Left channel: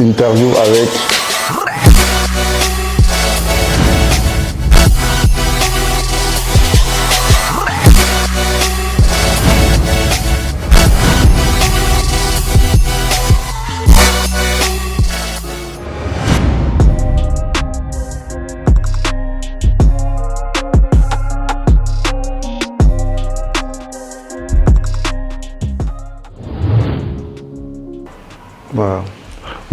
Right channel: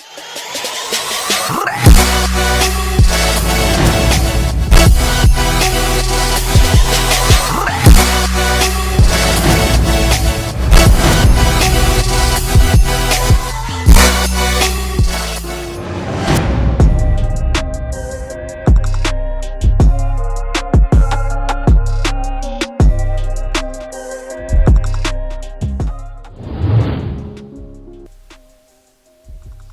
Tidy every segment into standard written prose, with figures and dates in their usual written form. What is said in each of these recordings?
Interview avec...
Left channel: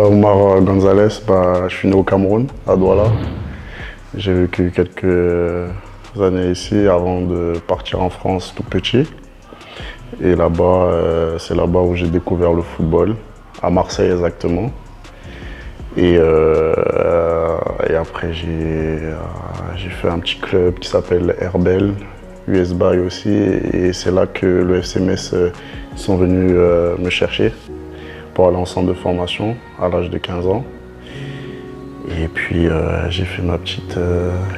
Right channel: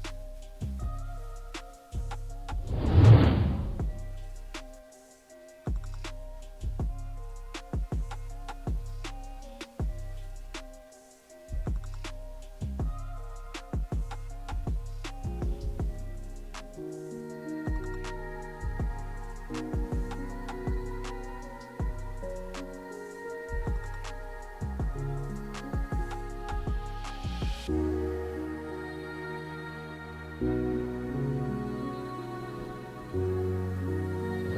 Omar Gonzalez, je suis né au Cameroun, à Douala. J'ai vécu quelques années ici avant de partir en France tout petit. Et là-bas, c'est là-bas où j'ai découvert le football, à Marseille exactement. Et après, j'ai fait un petit club qui s'appelle Herbel, US Bay aussi. Et c'est là que le FC Metz sont venus me chercher pour aller en centre de formation à l'âge de 15 ans. Et puis j'ai fait ma petite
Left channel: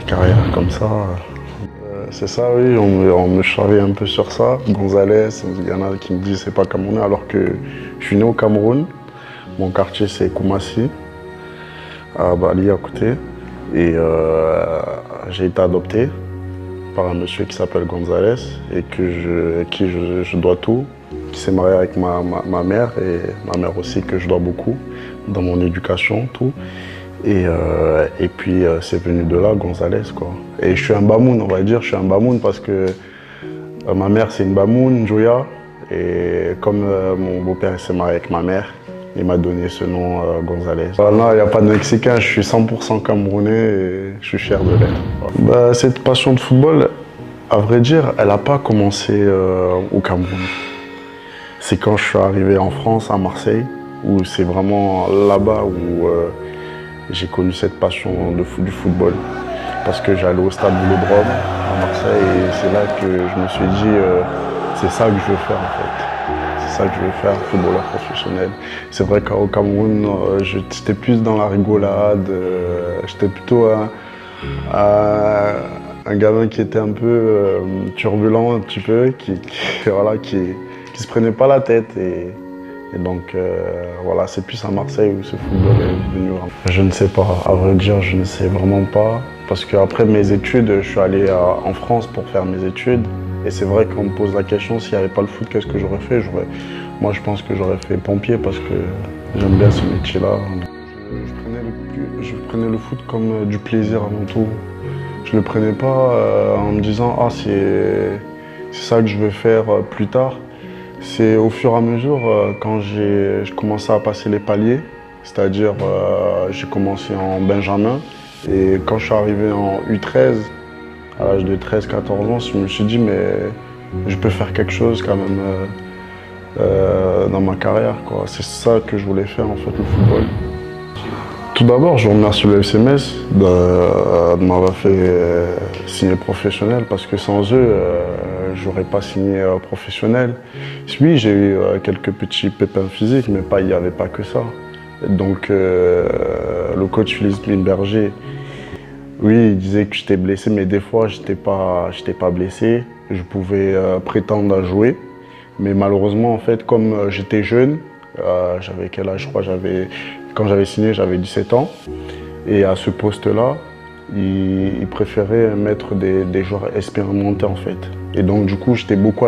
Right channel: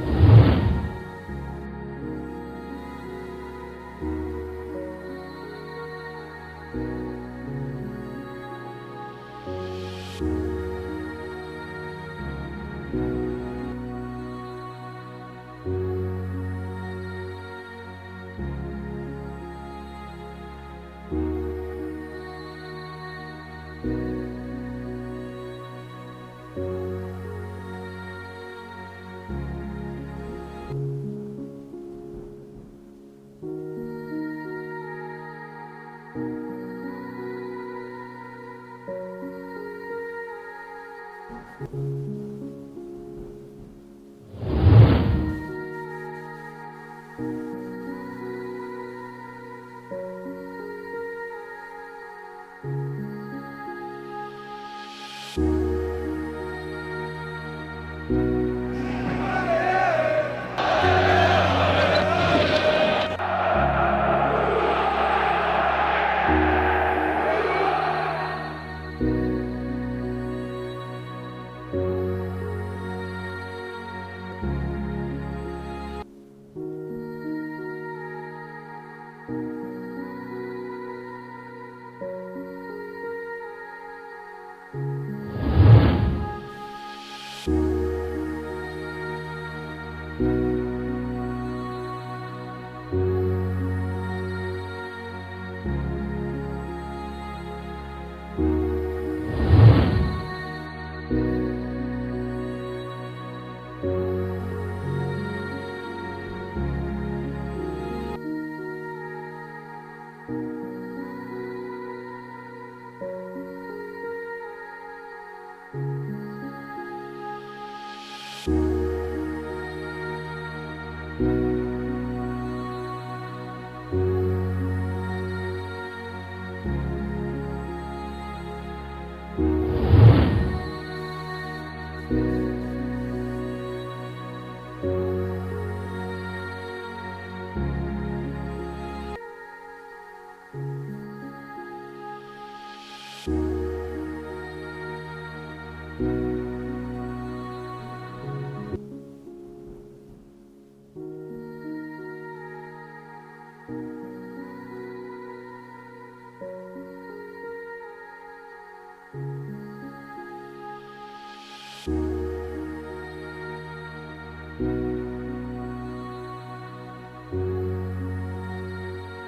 carrière comme ça. C'est ça, oui, on me charrie un peu sur ça. Gonzalez, il y en a qui me disent c'est pas camerounais alors que je suis né au Cameroun. Mon quartier c'est Koumassi, à Bali à côté. Et j'ai été adopté par un monsieur qui s'appelle Gonzalez et à qui je dois tout, qui s'est marié avec ma mère et ma mère aussi que je dois beaucoup dans mon éducation, tout. Et puis c'est venu de là, Gonzalez, quoi. Et je suis un Bamoun, on va dire, je suis un Bamoun parce que ma mère c'est une Bamoun, Joya. Et comme mon beau-père s'est marié avec ma mère, il m'a donné ce nom Gonzalez. Là, il n'y a pas de Mexicain, je suis 100% camerounais et je suis fier de l'être. Cette passion de football, à vrai dire, elle n'a pas commencé au Cameroun. C'est quand je suis arrivé en France, à Marseille, où c'est vraiment là-bas où j'ai connu cette passion du football. Parce que j'allais au stade Vélodrome à Marseille et c'est là que je me suis dit c'est ça que je veux faire en fait. C'est ça que je veux faire, footballeur professionnel. C'est vrai qu'au Cameroun, j'étais plus dans la rigolade, j'étais plutôt un gamin qui était un peu turbulent un petit peu, qui se prenait pas la tête. Et donc voilà, c'est plus à Marseille où ce football est venu. Je ne sais pas, à vrai dire, je ne sais vraiment pas. Parce qu'après mes études, je suis allé en France pour faire mes études. Et c'est vrai qu'on me pose la question, s'il n'y avait pas le foot, qu'est-ce que j'aurais fait? Moi, je pense que j'aurais fait pompier parce que j'aime bien ce métier-là. Je prenais le foot comme du plaisir avant tout. Je ne le prenais pas en me disant « Ah, c'est ça que je veux faire plus tard ». C'est au fur et à mesure, quand j'ai commencé à passer les paliers, c'est-à-dire j'ai commencé en Benjamin. Et quand je suis arrivé en U13, à l'âge de 13-14 ans, je me suis dit mais je peux faire quelque chose quand même dans ma carrière, quoi. C'est ça que je voulais faire en fait au football. Tout d'abord, je remercie le FC Metz de m'avoir fait signer professionnel parce que sans eux, j'aurais pas signé professionnel. Oui, j'ai eu quelques petits pépins physiques, mais il n'y avait pas que ça. Donc le coach Philippe Lindberger, oui, il disait que j'étais blessé, mais des fois, j'étais pas blessé. Je pouvais prétendre à jouer. Mais malheureusement, en fait, comme j'étais jeune, j'avais quel âge, je crois, quand j'avais signé, j'avais 17 ans. Et à ce poste-là, il préférait mettre des joueurs expérimentés, en fait. Et donc, du coup, je jouais beaucoup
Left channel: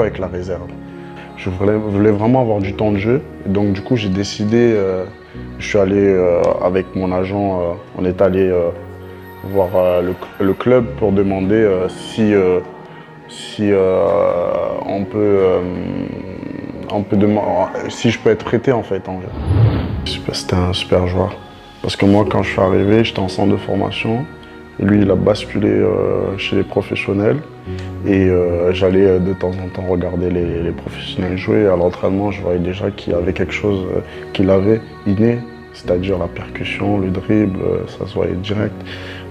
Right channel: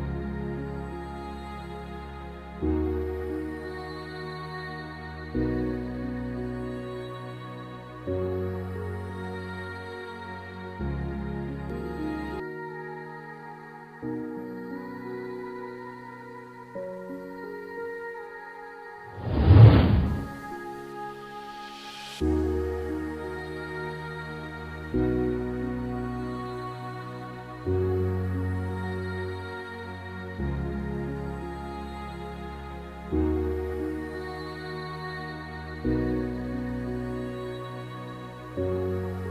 avec la réserve. Je voulais vraiment avoir du temps de jeu. Et donc, du coup, j'ai décidé, je suis allé avec mon agent, on est allé voir le club pour demander si si je peux être prêté en fait. C'était un super joueur. Parce que moi, quand je suis arrivé, j'étais en centre de formation. Et lui, il a basculé chez les professionnels. Et j'allais de temps en temps regarder les professionnels jouer. À l'entraînement, je voyais déjà qu'il y avait quelque chose qu'il avait inné, c'est-à-dire la percussion, le dribble, ça se voyait direct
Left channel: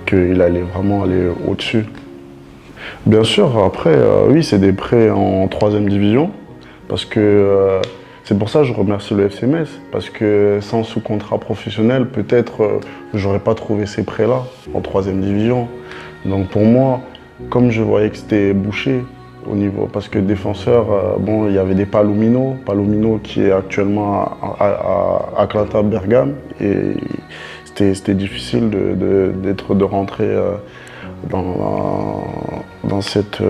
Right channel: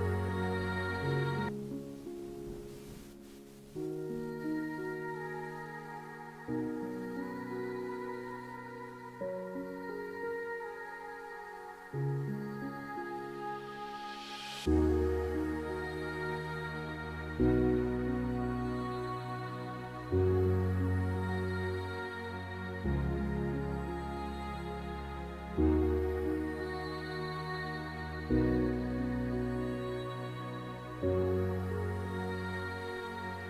qu'il allait vraiment aller au-dessus. Bien sûr, après, oui, c'est des prêts en 3e division. Parce que c'est pour ça que je remercie le FC Metz. Parce que sans sous-contrat professionnel, peut-être j'aurais pas trouvé ces prêts-là en 3e division. Donc pour moi, comme je voyais que c'était bouché, au niveau, parce que défenseur, bon, il y avait des Palomino qui est actuellement à Atlanta Bergame, et c'était difficile de rentrer dans, dans cette,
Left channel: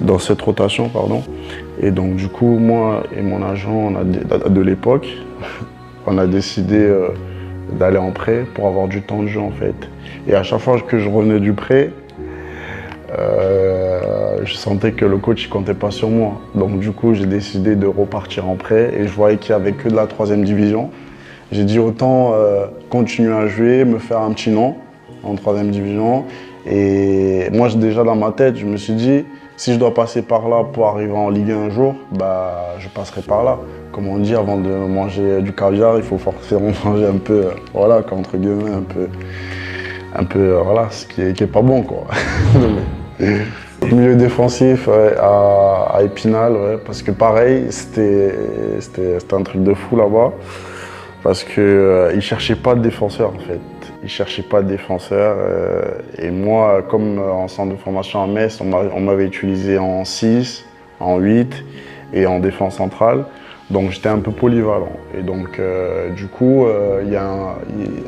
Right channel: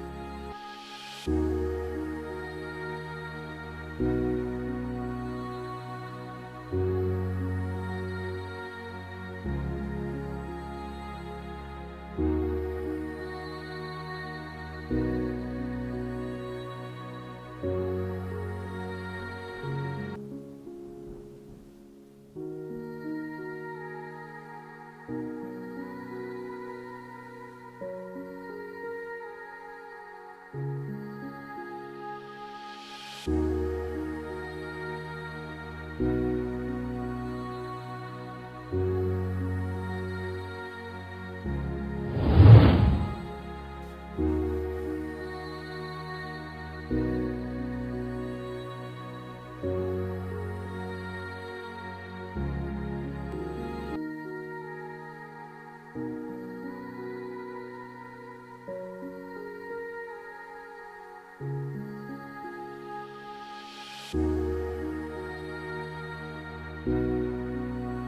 dans cette rotation, pardon. Et donc du coup, moi et mon agent de l'époque, on a décidé d'aller en prêt pour avoir du temps de jeu en fait. Et à chaque fois que je revenais du prêt, je sentais que le coach ne comptait pas sur moi. Donc du coup, j'ai décidé de repartir en prêt et je voyais qu'il n'y avait que de la 3e division. J'ai dit autant continuer à jouer, me faire un petit nom en 3e division. Et moi, déjà dans ma tête, je me suis dit, si je dois passer par là pour arriver en Ligue 1 un jour, bah, je passerai par là. Comme on dit, avant de manger du caviar, il faut forcément manger un peu, voilà, entre guillemets, voilà, ce qui est pas bon, quoi. Milieu défensif ouais, à Épinal, ouais, parce que pareil, c'était un truc de fou là-bas, parce qu'ils ne cherchaient pas de défenseur en fait. Ils ne cherchaient pas de défenseur. Et moi, comme en centre de formation à Metz, on m'avait utilisé en 6, en 8 et en défense centrale. Donc j'étais un peu polyvalent. Et donc du coup,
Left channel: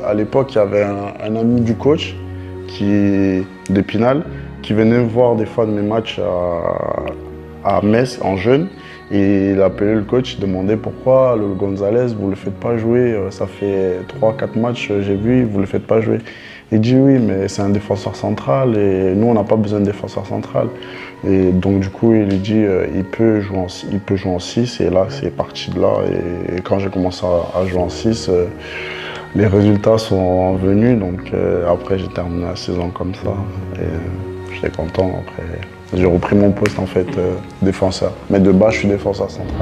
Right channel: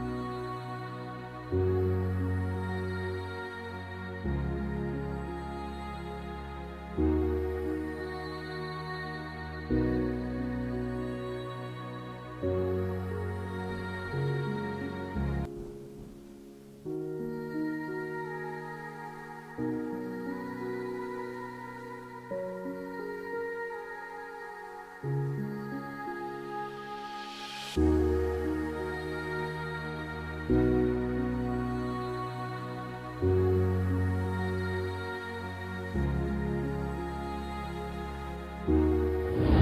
à l'époque, il y avait un ami du coach d'Épinal qui venait me voir des fois de mes matchs à Metz en jeune. Et il appelait le coach, il demandait pourquoi le Gonzalez, vous ne le faites pas jouer. Ça fait 3-4 matchs, j'ai vu, vous ne le faites pas jouer. Il dit oui, mais c'est un défenseur central et nous, on n'a pas besoin de défenseur central. Et donc du coup, il lui dit il peut jouer en 6 et là, c'est parti de là. Et quand j'ai commencé à jouer en 6, les résultats sont venus. Donc après, j'ai terminé la saison comme ça. Et j'étais content. Après, j'ai repris mon poste en fait défenseur. Mais de base, je suis défenseur central.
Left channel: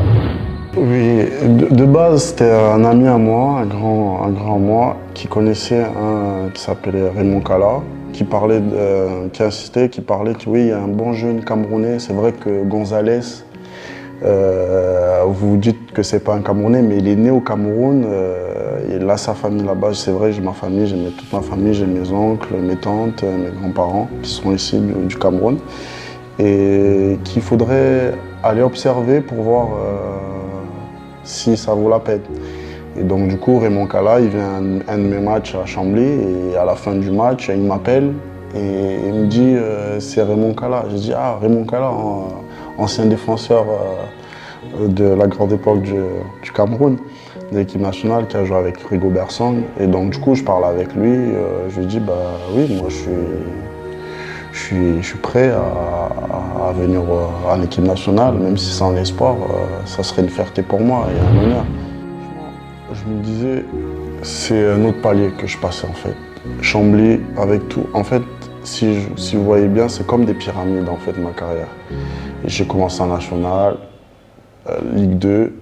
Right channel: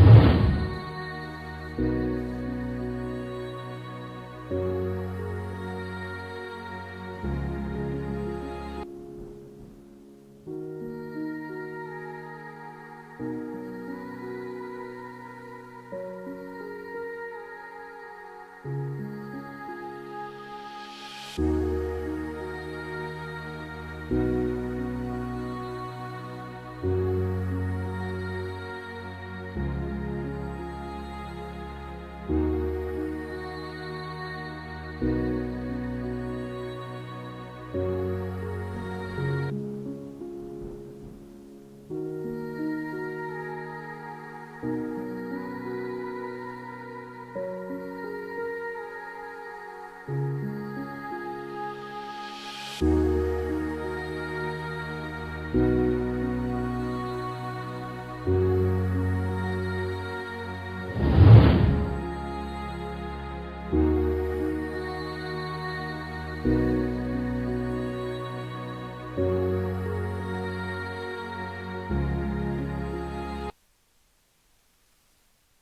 Oui, de base, c'était un ami à moi, un grand à moi, qui connaissait un qui s'appelait Raymond Kala, qui insistait, qui parlait que oui, il y a un bon jeune Camerounais. C'est vrai que Gonzalez, vous dites que c'est pas un Camerounais, mais il est né au Cameroun. Il a sa famille là-bas. C'est vrai, j'ai ma famille, j'ai toute ma famille, j'ai mes oncles, mes tantes, mes grands-parents qui sont ici du Cameroun. Et qu'il faudrait aller observer pour voir si ça vaut la peine. Et donc du coup, Raymond Kala, il vient à un de mes matchs à Chambly et à la fin du match, il m'appelle et il me dit c'est Raymond Kala. Je dis ah, Raymond Kala, ancien défenseur de la grande époque du Cameroun, de l'équipe nationale qui a joué avec Rigobert Song. Et donc du coup, je parle avec lui, je lui dis bah oui, moi je suis prêt à venir en équipe nationale, même si c'est en espoir, ça serait une fierté pour moi et un honneur. Je me disais, c'est un autre palier que je passais en fait. Chambly, avec tout. En fait, si vous voyez bien, c'est comme des pyramides en fait ma carrière. J'ai commencé en national, Ligue 2,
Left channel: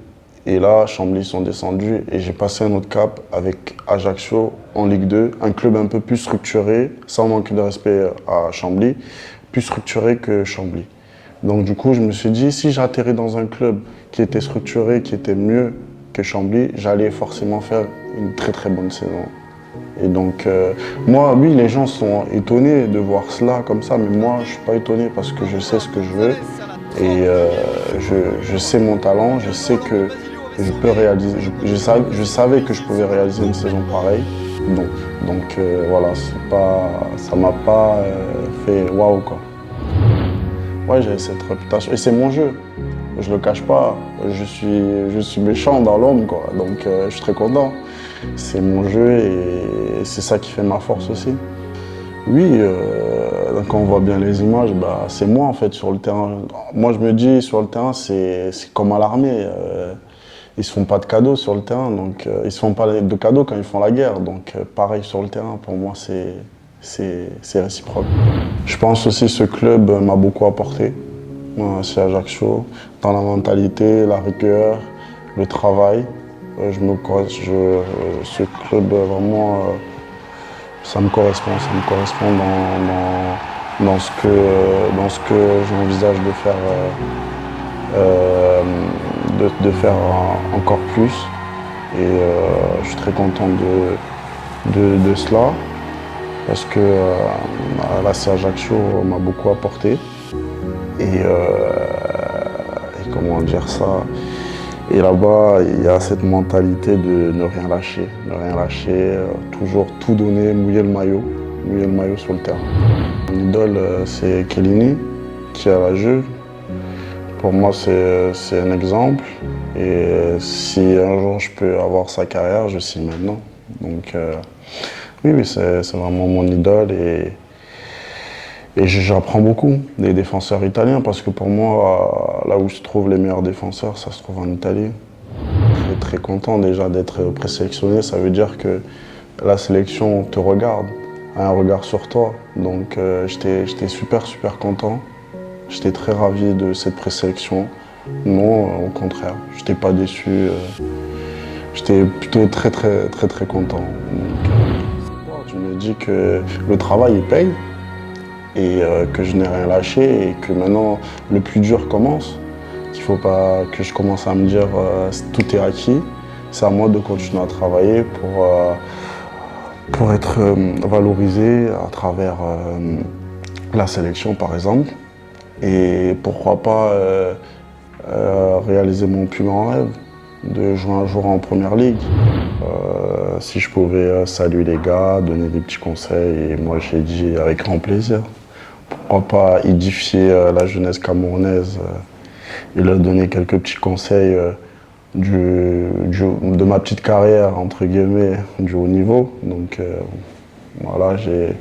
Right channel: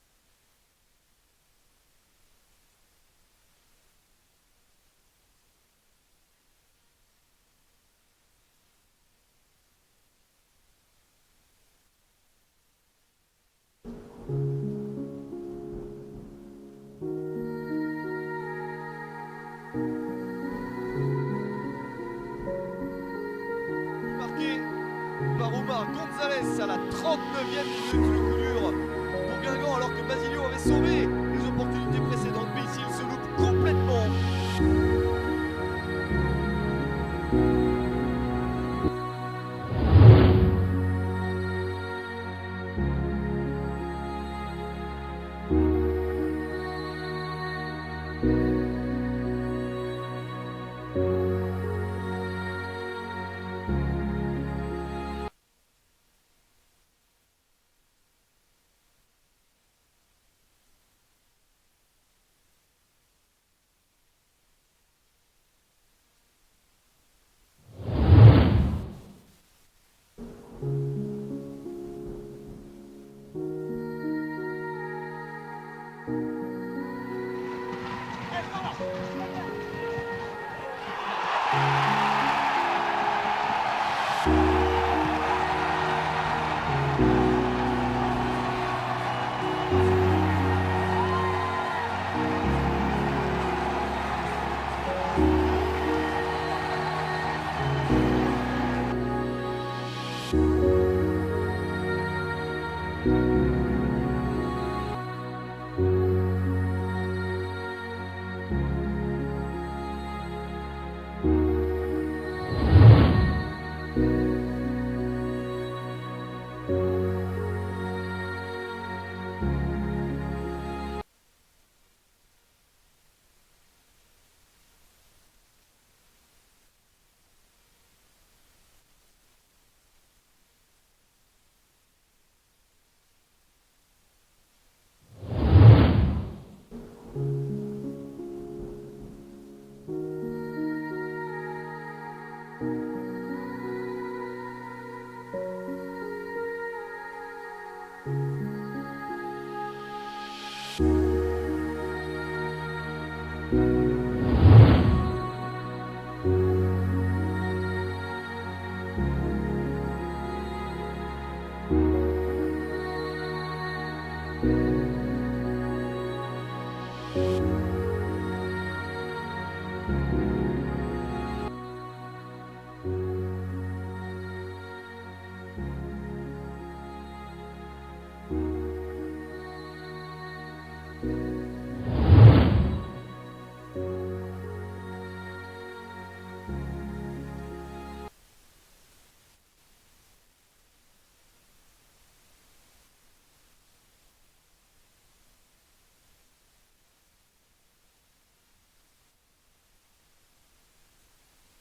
et là, Chambly sont descendus et j'ai passé un autre cap avec Ajaccio en Ligue 2, un club un peu plus structuré, sans manquer de respect à Chambly, plus structuré que Chambly. Donc du coup, je me suis dit, si j'atterris dans un club qui était structuré, qui était mieux que Chambly, j'allais forcément faire une très très bonne saison. Et donc, moi, oui, les gens sont étonnés de voir cela comme ça, mais moi, je ne suis pas étonné parce que je sais ce que je veux et je sais mon talent, je sais que je peux réaliser, je savais que je pouvais réaliser une saison pareille. Donc voilà, ça m'a pas fait waouh quoi. Ouais, j'ai cette réputation et c'est mon jeu. Je le cache pas, je suis méchant dans l'ombre quoi, donc je suis très content. C'est mon jeu et c'est ça qui fait ma force aussi. Oui, quand on voit bien les images, bah, c'est moi en fait sur le terrain. Moi je me dis sur le terrain c'est comme à l'armée. Ils se font pas de cadeaux sur le terrain, donc ils se font pas de cadeaux quand ils font la guerre. Donc pareil sur le terrain, pour moi c'est réciproque. Je pense aussi que ce club m'a beaucoup apporté. C'est Ajaccio, dans la mentalité, la rigueur, le travail. Ce club, vraiment, ça me correspond dans ce que j'envisage de faire encore plus. Et je suis très content de cela, parce que là, c'est Ajaccio m'a beaucoup apporté. et comment dire ça. Et là-bas, il y a cette mentalité de ne rien lâcher. Ne rien lâcher, toujours tout donner, mouiller le maillot sur le terrain. Mon idole, c'est Chiellini, qui a la Juve. Pour moi, c'est un exemple. Et si un jour je peux avoir sa carrière, je signe maintenant. Donc oui, c'est vraiment mon idole. Et j'apprends beaucoup des défenseurs italiens parce que pour moi, là où se trouvent les meilleurs défenseurs, ça se trouve en Italie. Je suis très content déjà d'être présélectionné. Ça veut dire que la sélection te regarde, a un regard sur toi. Donc j'étais super content. J'étais très ravi de cette présélection. Non, au contraire, j'étais pas déçu. J'étais plutôt très content. Donc, je me dis que le travail il paye et que je n'ai rien lâché et que maintenant le plus dur commence. Qu'il faut pas que je commence à me dire tout est acquis. C'est à moi de continuer à travailler pour être valorisé à travers la sélection par exemple. Et pourquoi pas réaliser mon plus grand rêve, de jouer un jour en première ligue. Si je pouvais saluer les gars, donner des petits conseils, et moi j'ai dit avec grand plaisir. Pourquoi pas édifier la jeunesse camerounaise et leur donner quelques petits conseils de ma petite carrière, entre guillemets, du haut niveau. Donc voilà, je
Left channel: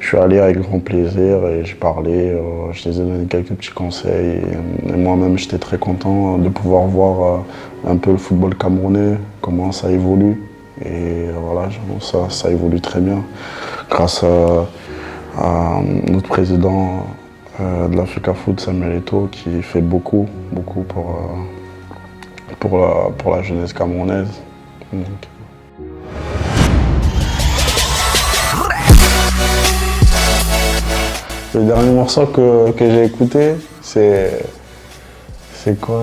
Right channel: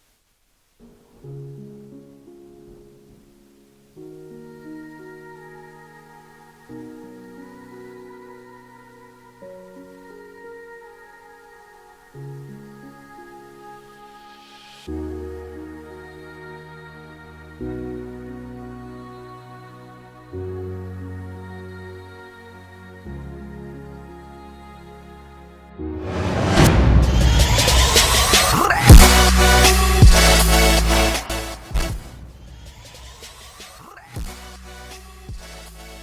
suis allé avec grand plaisir et j'ai parlé, je les ai donné quelques petits conseils. Et moi-même, j'étais très content de pouvoir voir un peu le football camerounais, comment ça évolue. Et voilà, ça évolue très bien. Grâce à notre président de l'Africa Foot, Samuel Eto'o, qui fait beaucoup pour la jeunesse camerounaise. Donc. Le dernier morceau que j'ai écouté, c'est quoi?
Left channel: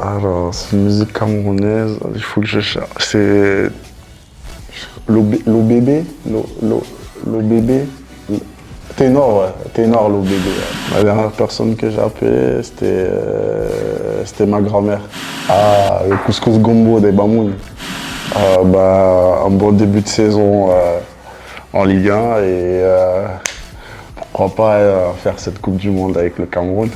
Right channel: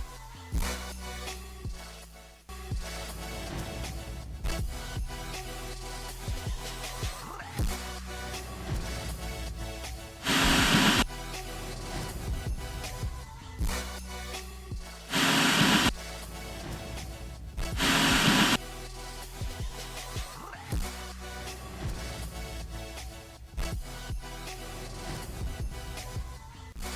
Alors, c'est une musique camerounaise, il faut que je cherche. C'est l'OBB, l'OBB, Ténor, ouais, Ténor l'OBB. La dernière personne que j'ai appelée, c'était ma grand-mère. Ah, le couscous gombo des Bamoun. Un bon début de saison en Ligue 1 et pourquoi pas faire cette Coupe du Monde avec le Cameroun.